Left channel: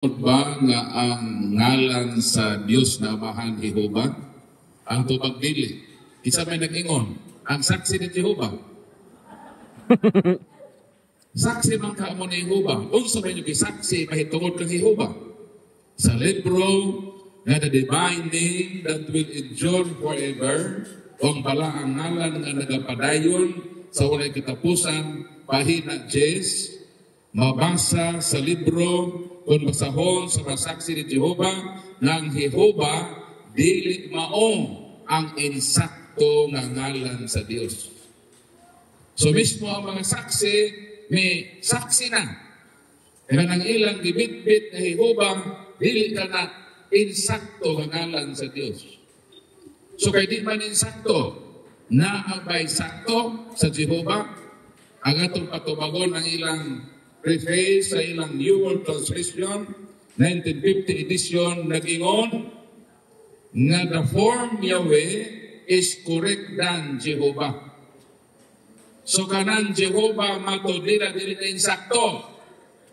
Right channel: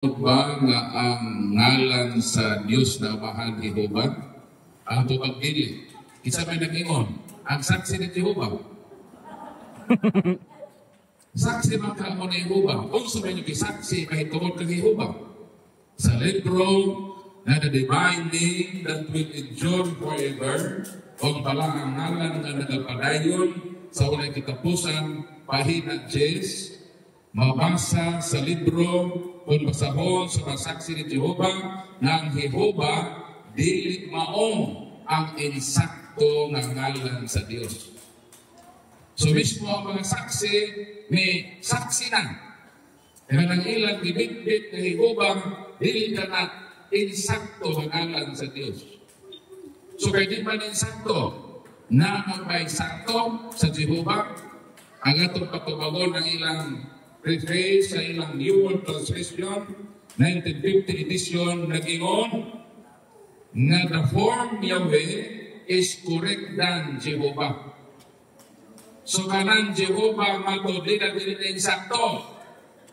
ba nga ang ngalan sa Dios na Amahang Jehova ang tupagbili? Isa may nag-ingon, ang saksi ni Jehova. Saksi man ka mo ni Jehova. Kung sa may nag-saksi, mahitungod kang Jehova. Sa libro na the divine name that will endure forever, kung pala ang ngalan nga nagapadayon sa walay kitapusan, pahina 10, mabasa sa libro kung basahon sa masaksi ni Jehova ng Jehova, dili maong ang insakto na ngalan sa Diyos. So mismo ang mga saksi, may saksi na. Kaya nang ilang dibit-bit na Jehova, dili ka na insakto na ngalan sa Diyos. So kaya di man insakto, na ang may sakto sa Jehova, ang atong patubagon ng ilang preface sa ilang New World Translation, 1950 edition, nag-ingon nga the form Yahweh is correct than Jehovah. So kanang Jehovah mato di na insakto.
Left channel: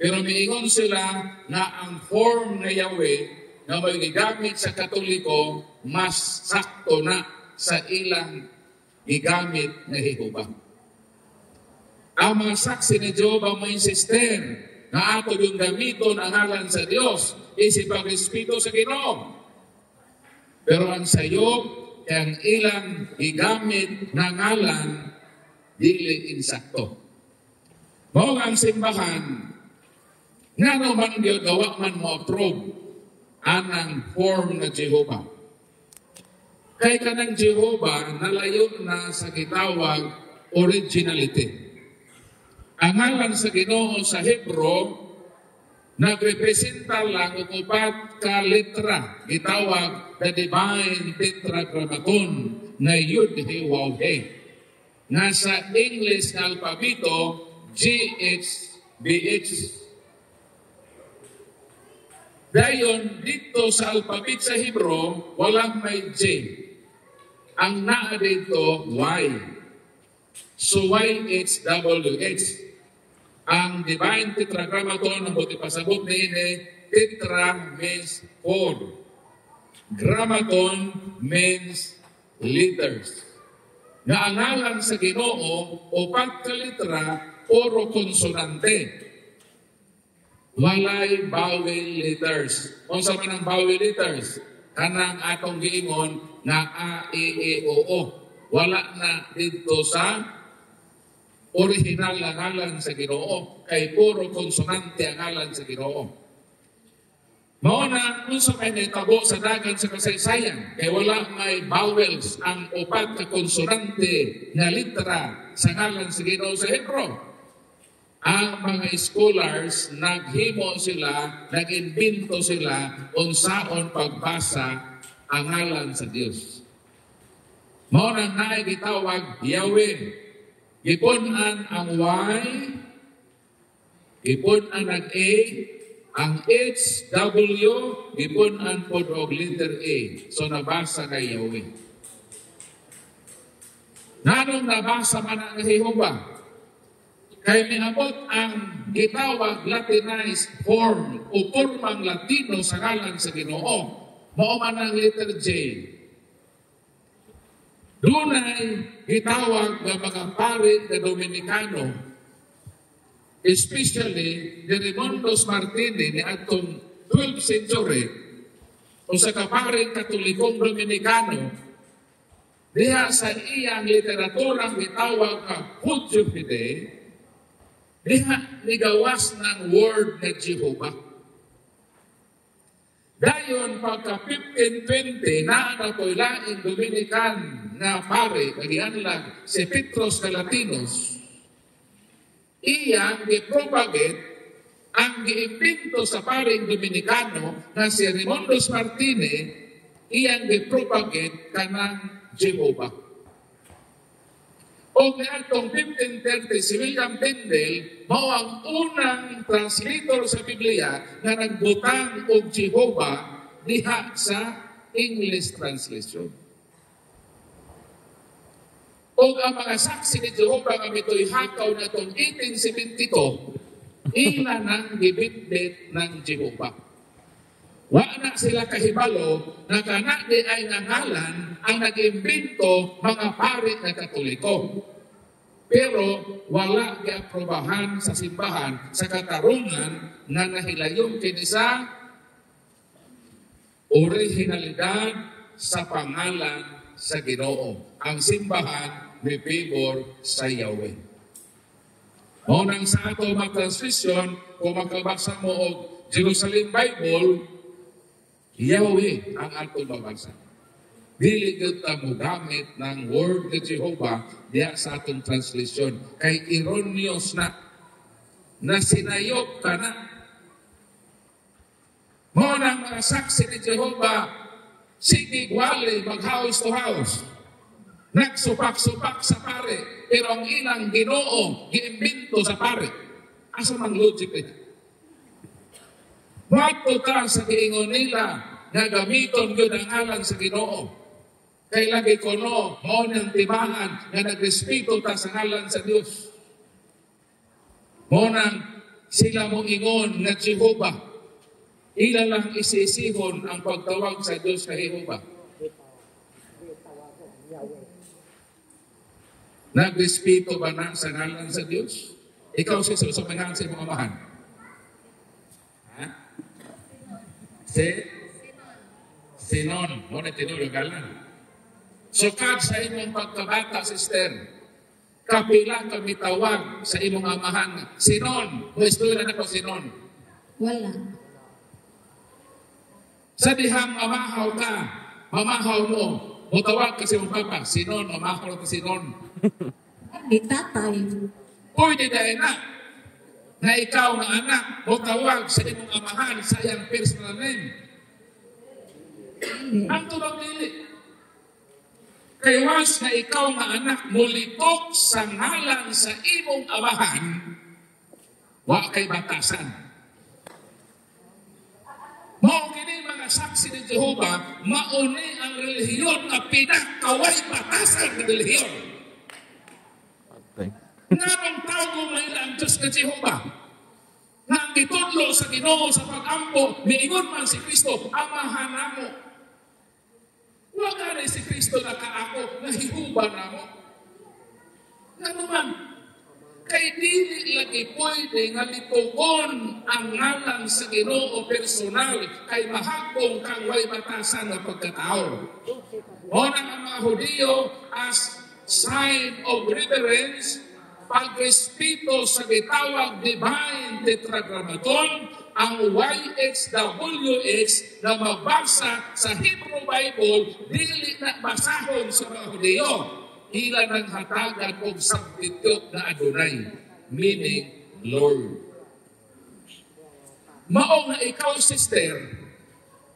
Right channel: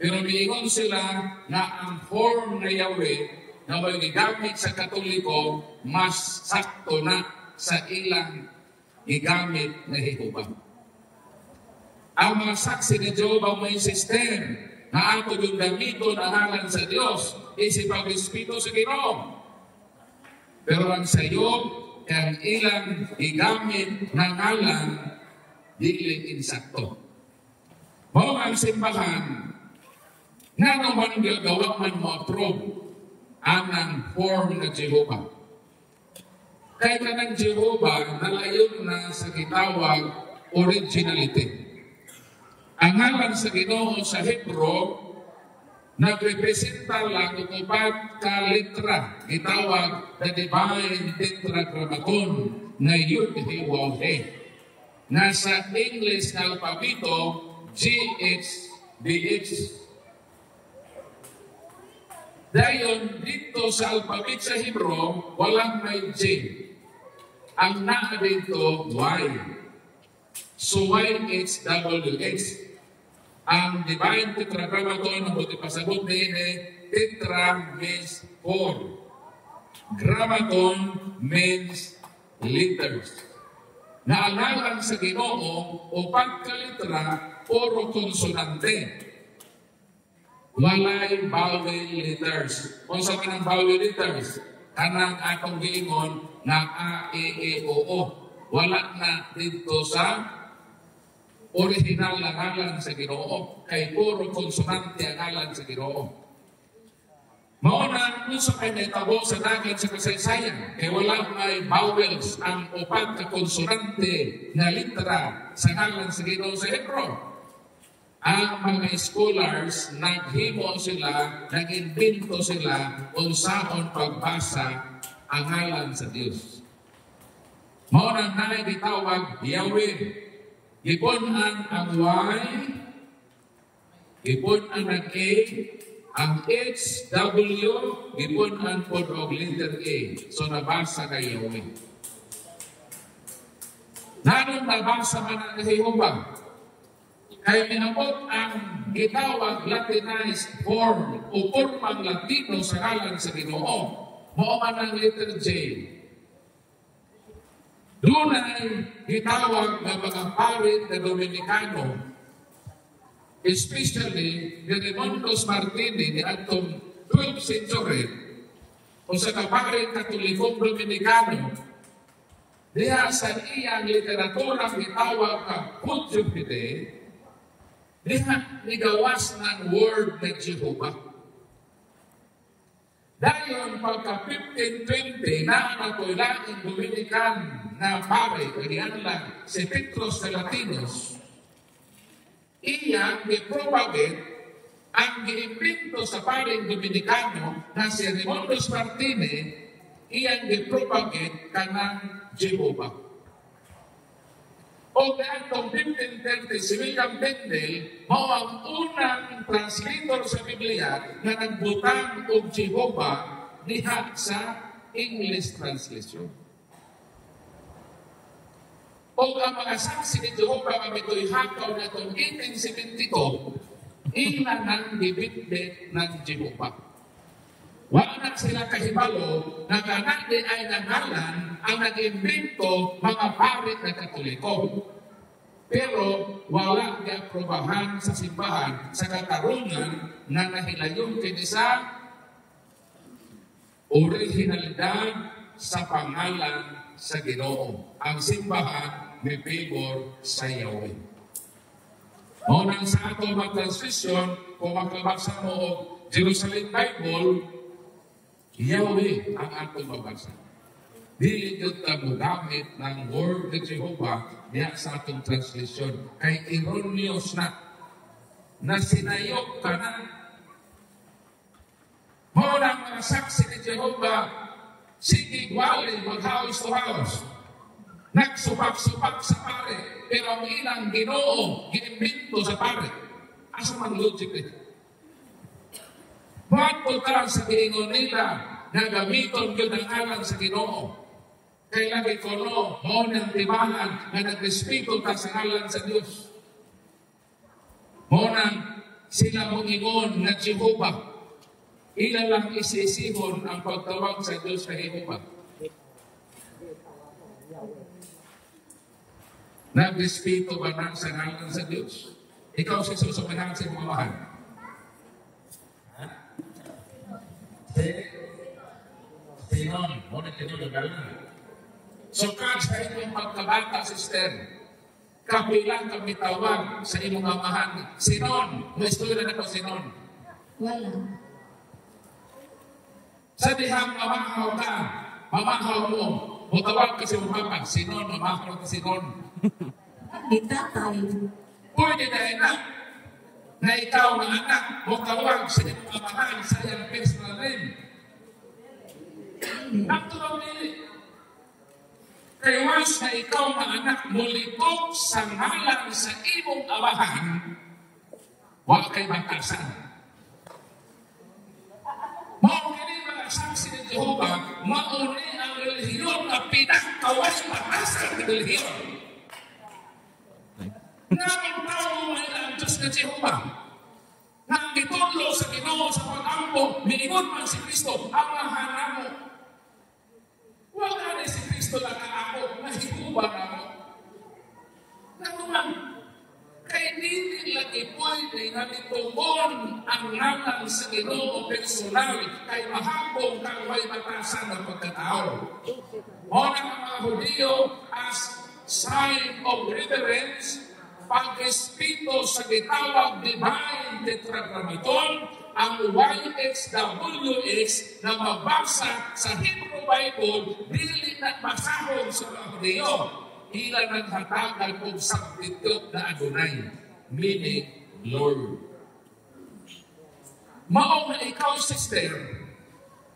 Pero miingon sila nga ang form na Yahweh na may gigamit sa Katoliko mas sakto na sa ilang gigamit na Jehovah. Ang mga saksi ni Jehovah may system na ato yung gamito na ngalan sa Diyos isip ang Espiritu sa Ginoo. Pero ang sayo, ang ilang igamit na ngalan, dili insakto. Mao ang simbahan, nga naman gawa man mo approve anang form na Jehovah. Kaya ka ng Jehovah, nalayon na sa kitawag originality. Ang ngalan sa Ginoo sa Hebro, nagrepresenta lang ang upat ka litra, gitawag na divine tetragrammaton na Yud-He-Waw-He. Nasa English na alpabito, GHBH. Dayon, dito sa alpabet sa Hebro, walang may J. Ang naa dito, Y. So, YHWH. Ang divine tetragrammaton ng buti pasabot ni ini, tetra means 4. Grammaton means liters. Na ang ngalan sa Ginoo o pagkalitra, puro konsonante. Walay vowel letters. Kung sa manang vowel letters, kanang atong giingon na A, E, O, O. Wala na dito sa original na ngalan sa Ginoo, kay puro konsonante ang ngalan sa Ginoo. Mauna, kung sa may tabo sa dagat sa kasaysayan, kay wala may vowels ang upat na konsonante na litra sa ngalan sa Ginoo sa Hebro. Ang mga scholars, naghimo sila, nag-invento sila, unsaon pagbasa ang ngalan sa Diyos. Mauna na itawag Yahweh. Ipunan ang Y, ipunan ang A, ang H, W, ipunan po og letter A. So nabasa kay Yahweh. Nanong nabasa man ang Jehovah, kay minabot ang gitawag Latinized form o formang Latino sa ngalan sa Ginoo. Mao man ang letter J. Doon ay itawag ng mga parit na Dominicano, especially ni Raimundos Martini ni atong 12th century, o sa kaparit Katolikong Dominicano, diha sa iyang literaturang itawag ka Hudyo Fide, diha nigawas ng word na Jehovah. Dayon, pagka 1520, naanatoy laing Dominican na pare, kaya lang si Petros Galatinos, iyang gipropagate ang giimbento sa paring Dominicano na si Raimundos Martini, iyang gipropagate kanang Jehovah. O kayatong 1530, si William Tyndale, mao ang unang translator sa Biblia na nagbutang og Jehovah diha sa English translation. O ang mga saksi ni Jehovah kami ito'y hakaw na itong 1872, ina ng dibit-bit ng Jehovah. Wala sila kahibalo na kana di ay nangalan ang nag-imbento mga pari na Katoliko. Pero wala giaprobahan sa simbahan sa katarungan na nahilayon kini sa orihinalidad sa pangalan sa Ginoo. Ang simbahan may favor sa Yahweh. Nang sa ato mag-transition, kung magkabasa mo og Jerusalem Bible, Yahweh ang atong babasa. Dili gyud ta mogamit ng word ni Jehovah diya sa atong translation. Kay erroneous na sinayop ka na. Mo nang mga saksi ni Jehovah, sige wali mag-house to house. Nagsupak-supak sa pare, pero ang ilang Ginoo giimbento sa pare. Asa man logic ito? Bato ka sa giingon nila na gamiton yun ang alang sa Ginoo. Kay lagi ko no, mo nang tibahan na nagrespeto ta sa ngalan sa Diyos. Mo nang sila mong ingon na Jehovah. Ilan lang isisihon ang pagtawag sa Diyos na Jehovah. Nagrespeto ba na sa ngalan sa Diyos? Ikaw sa manahan sa mga mahal. Sinon, mo na tinulugalan. Sukad sa imong pagkabata, sister. Kapilang kami tawag sa imong amahan. Sinon, may istorya na ko sinon. Sa dihang mamahaw ka, mamahaw mo, mutawag ka sa imong papa. Sinon, mamahaw ka sinon. Itatay. Pwede dahil na ikaw na anak, mutawag sa imong amahan sa iyang personal name. Ang tulong nili. Kaya once na ikaw na anak mulitok sa ngalan sa imong amahan, wala kay batasan. Mauni mga saksi ni Jehovah, mauni ang relihiyon na pinagkaway batasan ng relihiyon. Namang tao mo ang Diyos na Jehovah. Nang gitudlo sa Ginoo sa pag-ampo, niingon man si Kristo, amahan na mo. Wala rin si Kristo na kaako, nahihuba na mo. Naman, kay dili lagi pwede nga nitugon ang ngalan sa Ginoo personal kay mahapong kang way batasan ng pagkatao. O ang mga Hudiyo as sign of reverence, pag-respeto sa gitawag divine tetragrammaton, ang YHWH na magbasa sa Hebrew Bible, dili na basahon sa mga Hudiyo. Ilan ang hatagan kong substitute na Adonai, meaning Lord. Maong na ikaw, sister,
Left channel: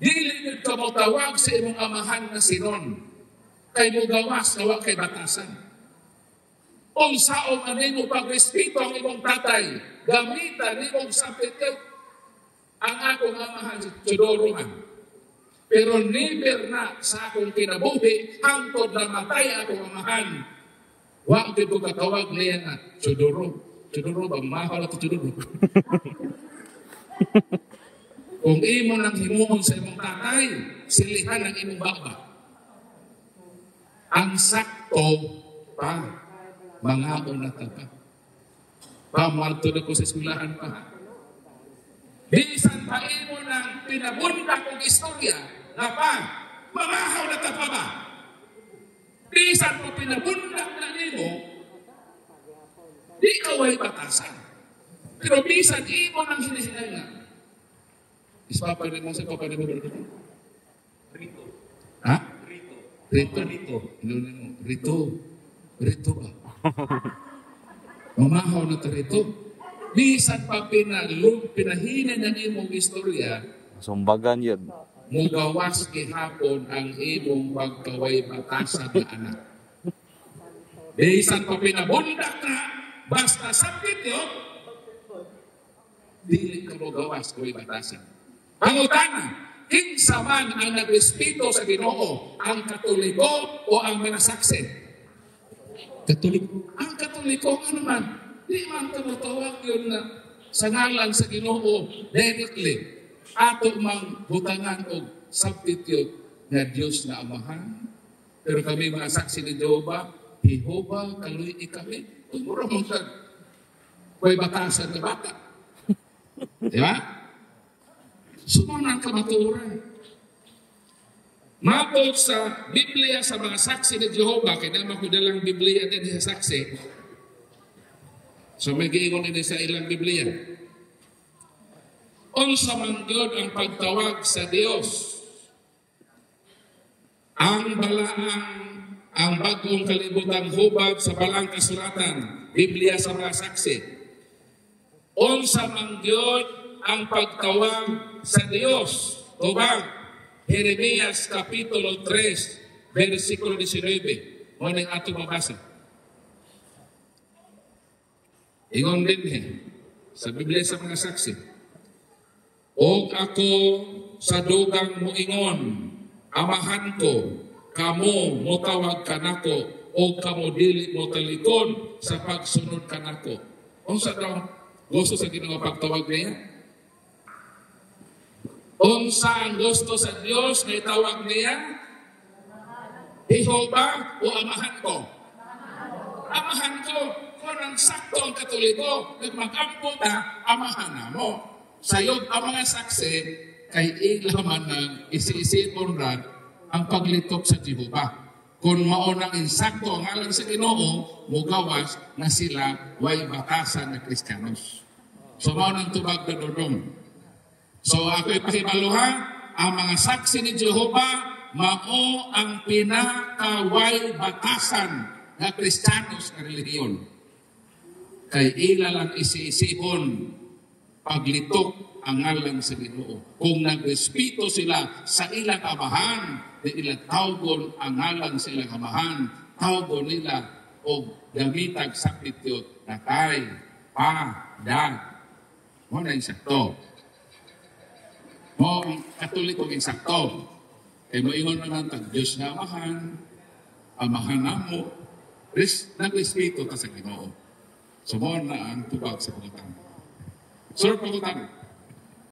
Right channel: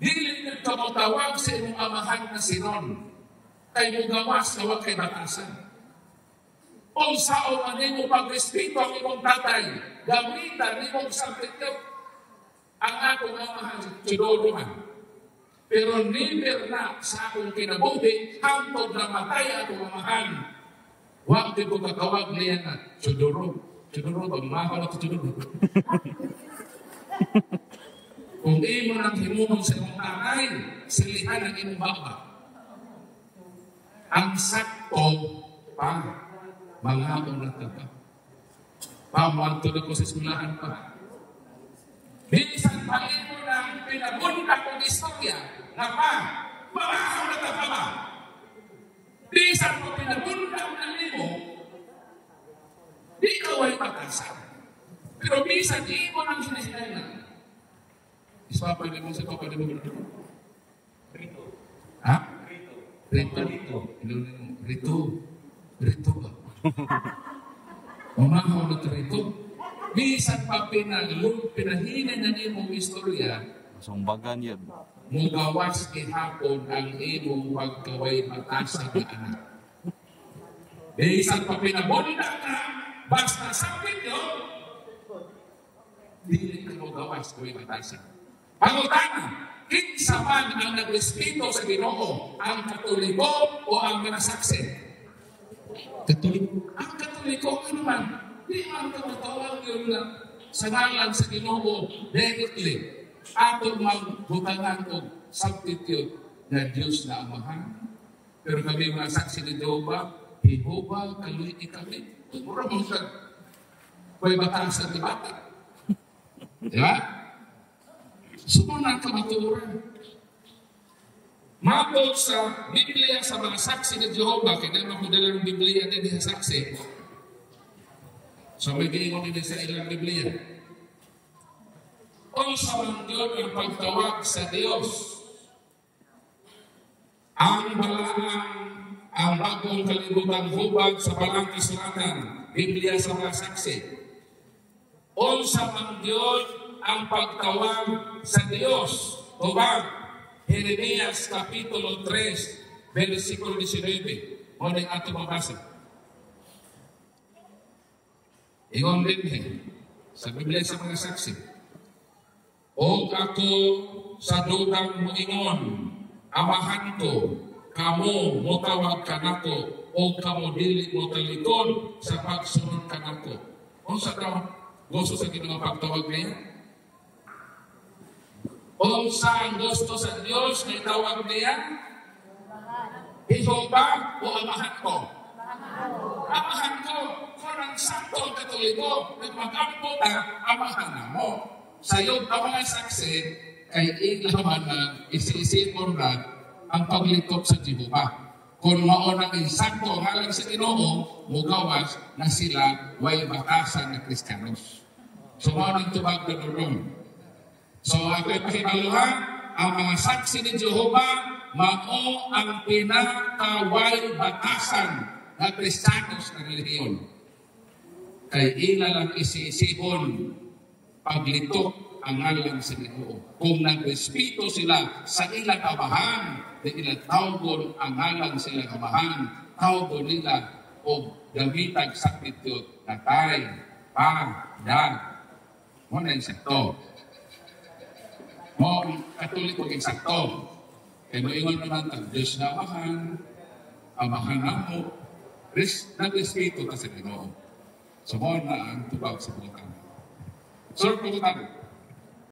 dili nagkamatawag sa imong amahan na sinon, kay mo gawas na wag kay batasan. Kung saan ang imong pag-respeto ang imong tatay, gamitan imong substitute ang akong amahan tuduruhan. Pero never na sa akong kinabuhi, hangtod na matay akong amahan. Huwag ko katawag niya na tuduro. Tuduro ba? Mahal ako tuduro. Kung imo nang himuhon sa imong tatay, silihan ang imong baba. Ang sakto pa, mga unataka. Pamantulog ko sa eskwelahan pa. Bisan pa imo ng pinabundak kong istorya na pa, mamahaw na ka pa ba? Bisan mo pinabundak na imo, di ka way batasan. Pero bisan imo ng hinihinay Ispapalit mo sa kapatid mo. Rito. Ha? Rito. Rito ba? Mamahaw na ito rito. Bisan pa pinahinan na imong istorya, sumbagan yun. mugawas kihapon ang imong pagkaway batasan na anak. Bisan pa pinabunda ka, basta sakit yun, dili ka mugawas kaway batasan. Pangutana, kinsa man ang nagrespeto sa Ginoo, ang Katoliko o ang minasaksi? Katoliko. Ang Katoliko, ano man? Di man tumutawag yun na sa ngalan sa Ginoo directly. ato mang butangan og substitute na Diyos na Amahan. Pero kami mga saksi ni Jehovah, kaloy ikami. Mura mong sa may batasan ni bata. Di ba? Sumunang kamaturan. Mapot sa Biblia sa mga saksi ni Jehovah, kaya naman ko dalang Biblia din sa saksi. So may giingon din sa ilang Biblia. Unsa man gyud ang pagtawag sa Dios. Ang bagong kalibutang hubag sa balang kasulatan, Biblia sa mga saksi. Unsa man gyud ang pagtawag sa Dios. Hubag, Jeremias Kapitulo 3, versikulo 19. Muling ato mabasa. Ingon din sa Biblia sa mga saksi. O ako sa dugang mo ingon, Amahan ko, kamo motawag ka nako, o kamo dili mo talikon sa pagsunod ka nako. O sa daw, gusto sa ginang pagtawag niya? O saan gusto sa Diyos na itawag niya? Jehovah o Amahan ko? Amahan ko, kung ang saktong katuligo, nagmagampo na, amahan na mo. Sa'yo, ang mga saksi, kay ilaman na isi-isipon na ang paglitok sa Jehovah. Kung maunang insakto halang sa Ginoo, mugawas na sila way batasan na Kristiyanos. So, maunang tubag na doon. So, ako'y pahibaluhan, ang mga saksi ni Jehovah, mao ang pinakaway batasan na Kristiyanos na relihiyon. Kay ilalang isi-isipon paglitok ang ngalan sa Ginoo. Kung nag-respeto sila sa ilang amahan, di nila tawgon ang ngalan sa ilang amahan, tawgon nila o gamitag substitute na tay, dad. Mo na yung sakto. Mo katoliko yung sakto. Kaya moingon naman ang Diyos na amahan na mo, nag-respeto ka sa Ginoo. So mo na ang tubag sa pagkakang. Sir, pagkakang.